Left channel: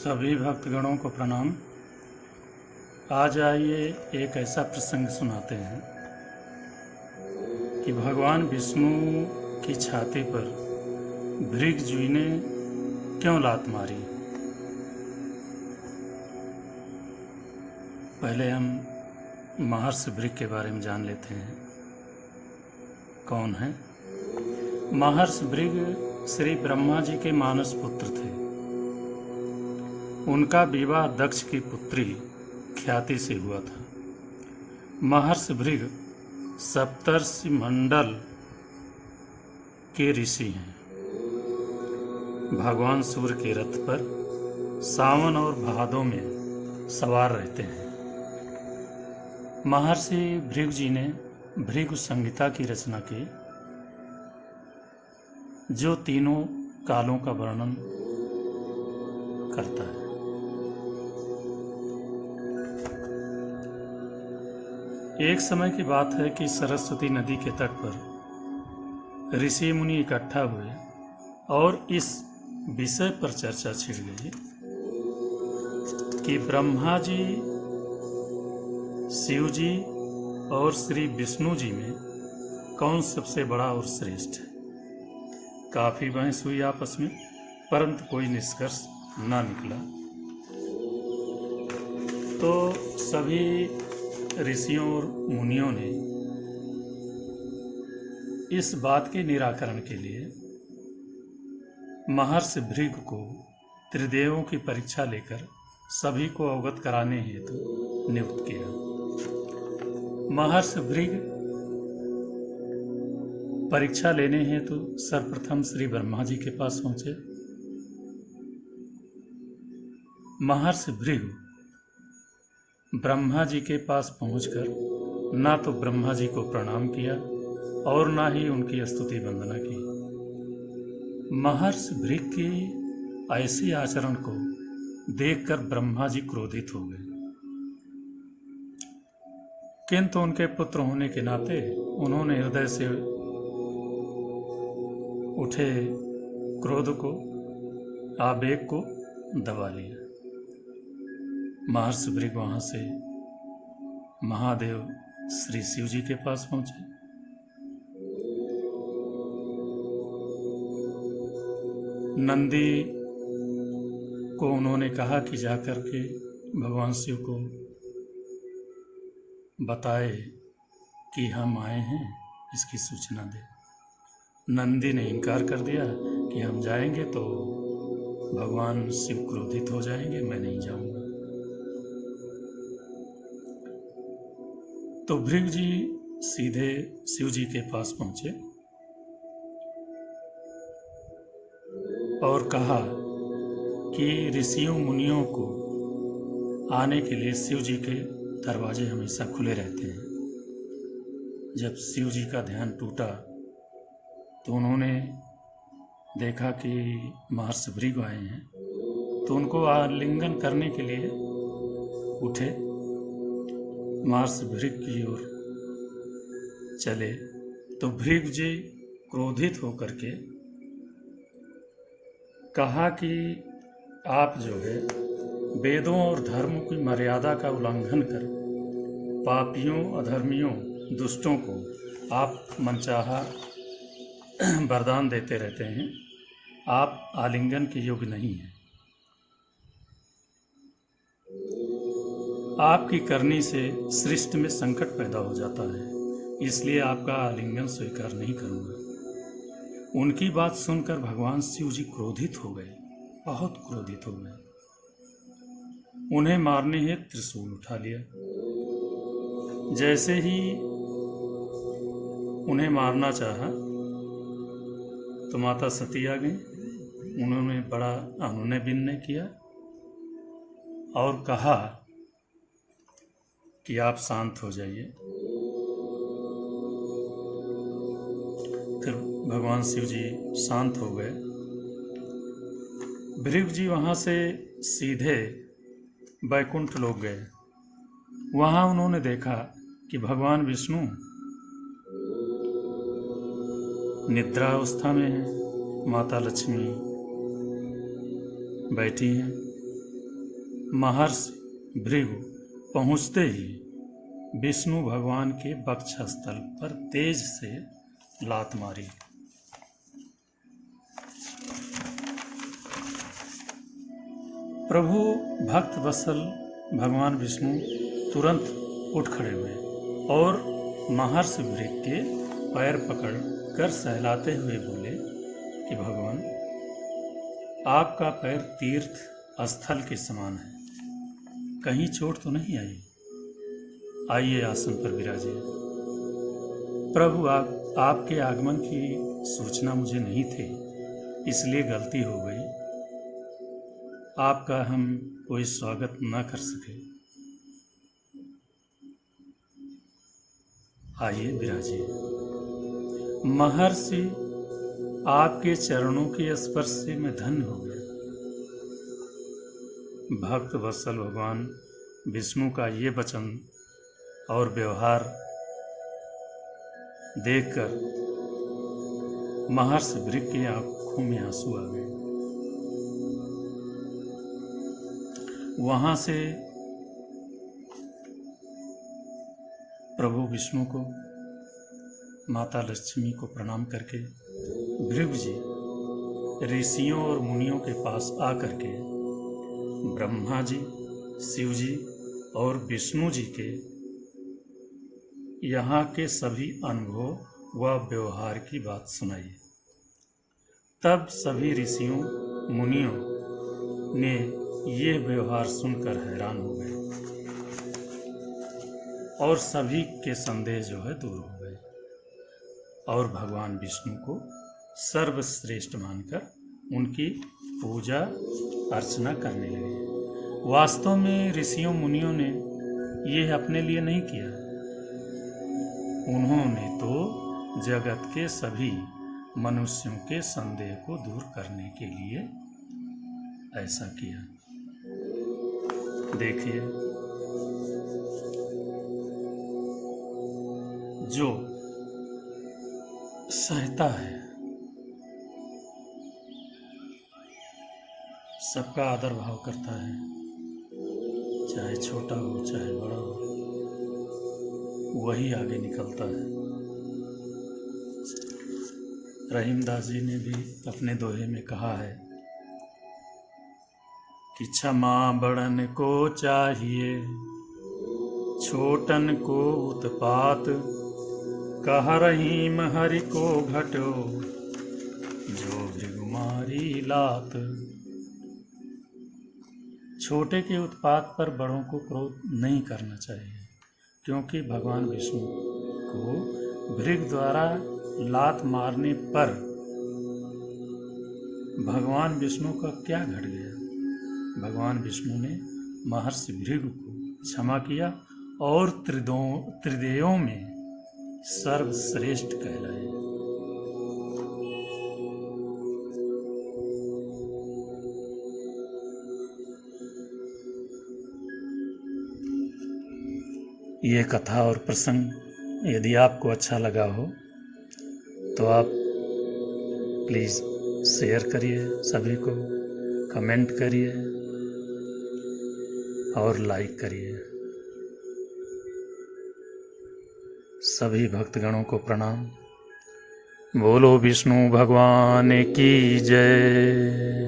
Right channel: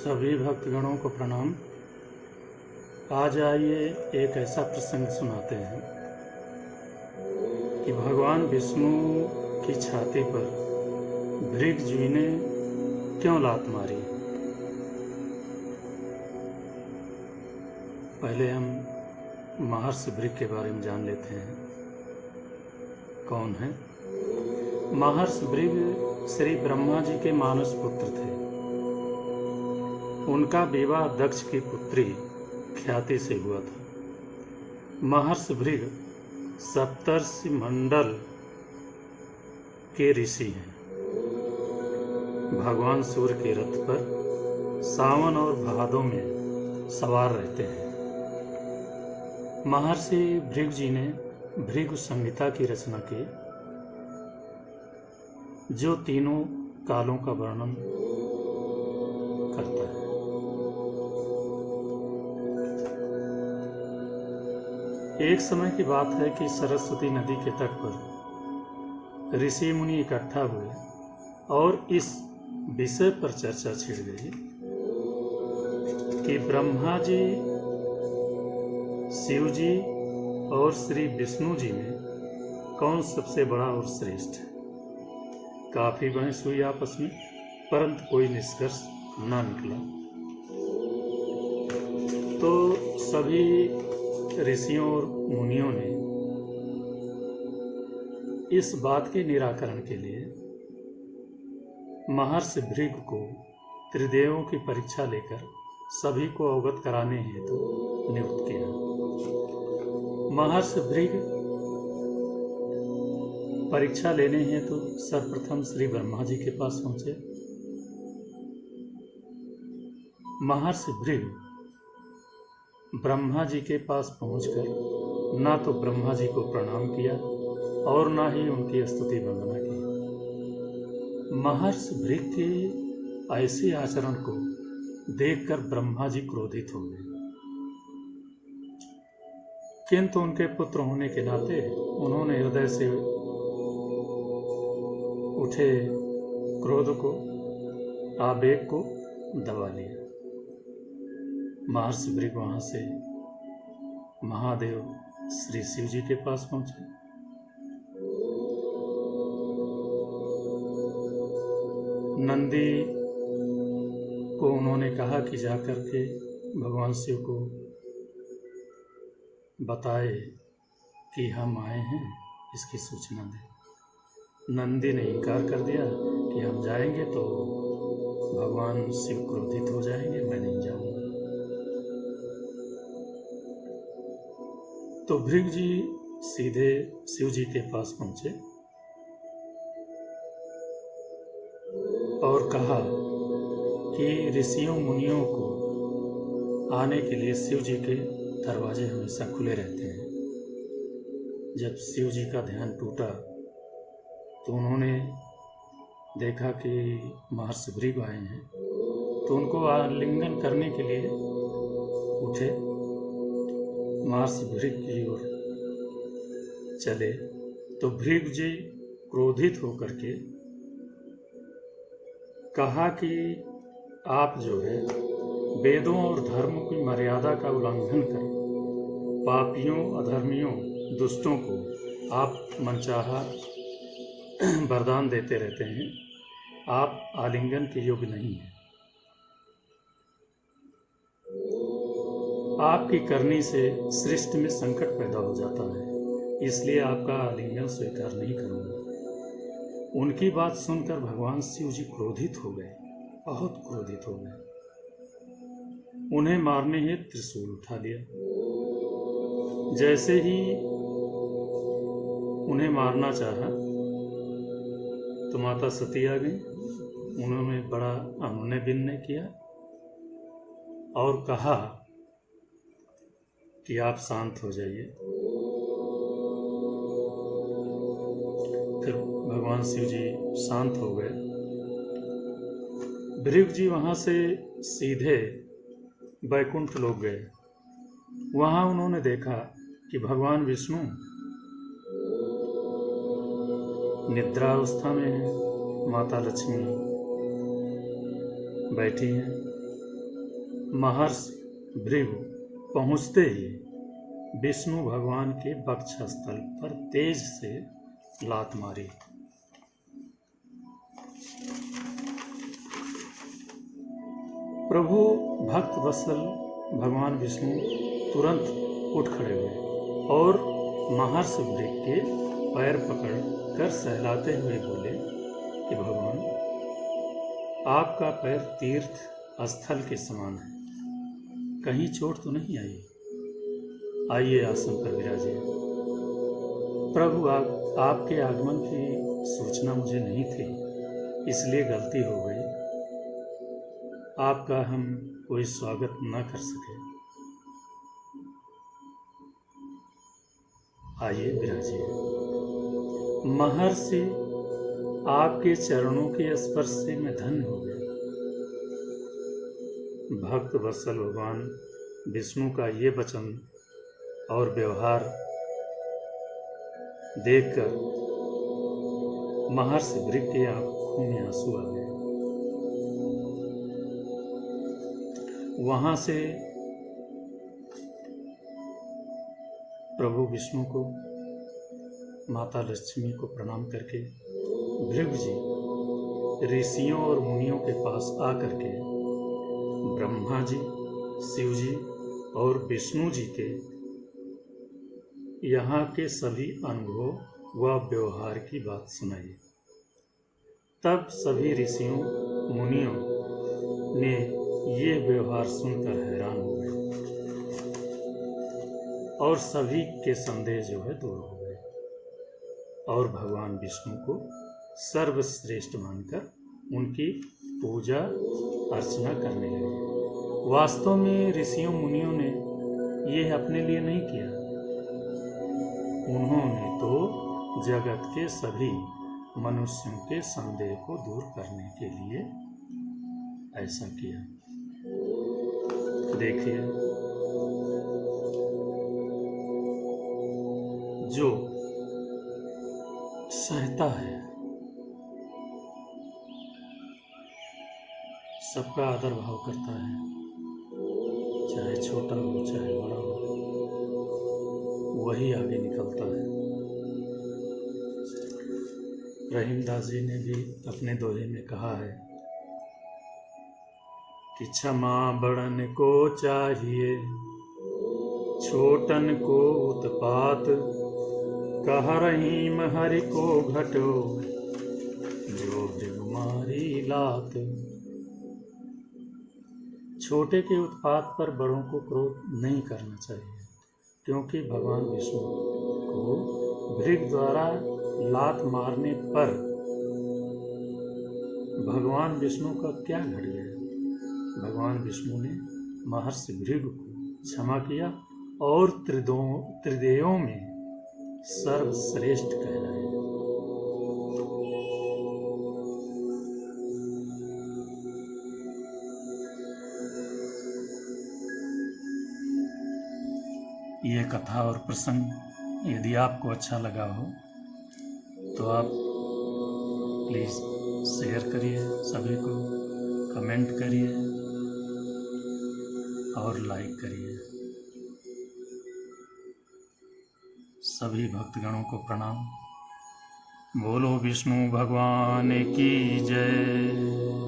सभी भक्तगणों को प्रणाम। आज आइए एक ऐसा प्रसंग सुनाते हैं कि भगवान विष्णु की छाती पर भृगु ने क्यों लात मारी। पहले हम महर्षि भृगु के बारे में जान लेते हैं। कौन है महर्षि भृगु? श्री ब्रह्मा जी के मानस पुत्र थे। उनका विवाह दक्ष की पुत्री ख्याति से हुआ था। महर्षि भृगु सप्तर्षि मंडल के ऋषि हैं। भगवान सूर्य के रथ पर सावन और भादों में सवार रहते हैं। महर्षि भृगु जी ने भृगु संहिता की रचना की, जो तीनों कालों का वर्णन करता है। एक समय की बात है कि सरस्वती नदी के तट पर ऋषि मुनि इकट्ठा हुए और इस विषय पर चर्चा छिड़ गई कि ब्रह्मा जी, शिव जी और श्री विष्णु जी में कौन सबसे बड़ा और श्रेष्ठ है। काफी बहस हुई आपस में, परंतु कोई निष्कर्ष ना निकला। तो सभी ऋषियों और मुनियों ने इस बात के निराकरण के लिए महर्षि भृगु को त्रिदेवों की परीक्षा लेकर सभी को अवगत कराने हेतु नियुक्त किया। महर्षि भृगु परीक्षा लेने हेतु सर्वप्रथम श्री ब्रह्मा जी के पास पहुंचे। महर्षि भृगु ब्रह्मा जी के पास पहुंचकर ना तो ब्रह्मा जी को प्रणाम किया और ना ही उनकी स्तुति वंदना की। महर्षि भृगु के ऐसे आचरण को देखकर ब्रह्मा जी क्रोधित हो गए, किंतु उनके पुत्र होने के नाते उन्होंने हृदय से उठे क्रोध को, आवेग को दबा लिया। महर्षि भृगु वहां से महादेव श्री शिव जी के पास पहुंचे। नंदी को उन्होंने कहा कि जाकर के भगवान शिव को बताए कि हम आए हैं, इसकी सूचना दे। नंदी ने इनकार कर दिया कि हम जाएंगे तो भगवान शिव क्रोधित हो जाएंगे, मैं नहीं जाऊंगा। तो भृगु जी सीधे शिव जी के पास पहुंचे और कहा कि ऋषियों मुनियों को आने के लिए शिव जी के दरवाजे हमेशा खुले रहते हैं। जब शिव जी का ध्यान टूटा तो उन्होंने देखा कि महर्षि भृगु आए हैं, तो उनको आलिंगन करने के लिए उठे। महर्षि भृगु की ओर चले तो भृगु जी क्रोधित होकर के कहा कि आप जो है वेदों और धर्म की मर्यादा का उल्लंघन कर पापियों, अधर्मियों, दुष्टों को आप मनचाहा वरदान देते रहते हैं। आप आलिंगन के योग्य नहीं हैं। आपकी करनी से सृष्टि में संकट पैदा हो जाता है, इसलिए आपका आलिंगन स्वीकार नहीं करूंगा। उनकी बात सुनकर भगवान शिव जी क्रोधित हो गए, बहुत क्रोधित हो गए। उन्हें मारने हेतु त्रिशूल उठा लिया। जैसे ही उन्हें मारना चाहा तो माता सती आ गई। उन्होंने बड़ा अनुनय विनय किया और कहा कि आप शांत हो जाइए। फिर भगवान शिव जी शांत हो गए। भृगु जी वहां से सीधे वैकुंठ लोक गए। वहां उन्होंने देखा कि भगवान विष्णु निद्रावस्था में है, माता लक्ष्मी बैठी हैं महर्षि भृगु पहुँचते ही विष्णु भगवान के वक्षस्थल पर तेज से लात मारी। प्रभु भक्त वत्सल भगवान विष्णु तुरंत उठ खड़े हुए और महर्षि भृगु के पैर पकड़ कर सहलाते हुए बोले कि भगवान, आपका पैर तीर्थ स्थल के समान है, कहीं चोट तो नहीं आई? आइए आसन पर विराजिए। प्रभु, आपके आगमन की सूचना मुझे नहीं थी, इसलिए गलती हो गई, आपका हम कोई स्वागत न कर सके। आइए विराजिए। महर्षि, आपके चरणों के स्पर्श से मैं धन्य हो गया। भक्त वत्सल भगवान विष्णु का ये वचन और व्यवहार देखकर महर्षि भृगु की आंखों में आंसू आ गए। वहां से प्रभु विष्णु को, माता लक्ष्मी को प्रणाम करके भृगु जी ऋषियों और मुनियों के पास आकर के ब्रह्मा जी, शिव जी और विष्णु जी के यहाँ के सभी अनुभव व व्यवहार की बात सुनाई। तब सभी ऋषियों मुनियों ने ये व्यवहार सुनकर हैरान हो गए और सभी के संदेह जो है दूर हो गए और भगवान विष्णु को सर्वश्रेष्ठ मानकर उनकी पूजा अर्चना करने लगे। वास्तव में ऋषियों मुनियों ने यह अपने लिए नहीं किया, उन्होंने तो जगत के सभी मनुष्यों के संदेह को दूर करने के लिए ऐसा किया। देखिए, जो सहता है, सबका आदर भाव करता है, चाहे छोटा हो चाहे बड़ा हो, वही आगे निकलता है। रहीमदास जी ने भी अपने दोहे में कहा है कि क्षमा बड़न को चाहिए, छोटन को उत्पात, कह रहीम हरि को घटो, जो भृगुमारी लात। छोटे के उत्पात पर बड़ों को क्रोध नहीं करना चाहिए, क्योंकि भगवान विष्णु को भृगु द्वारा लात मारने पर भगवान विष्णु का क्या घट गया? भगवान विष्णु ने महर्षि भृगु को क्षमा किया और त्रिदेवों में सर्वश्रेष्ठ कहलाए। ये कथा और प्रसंग यदि आपको अच्छा लगा हो तो आप प्लीज़ शेयर करिए, सभी को कमेंट करिए और लाइक करिए। सभी भक्तगणों को प्रणाम। बोलो विष्णु भगवान की जय।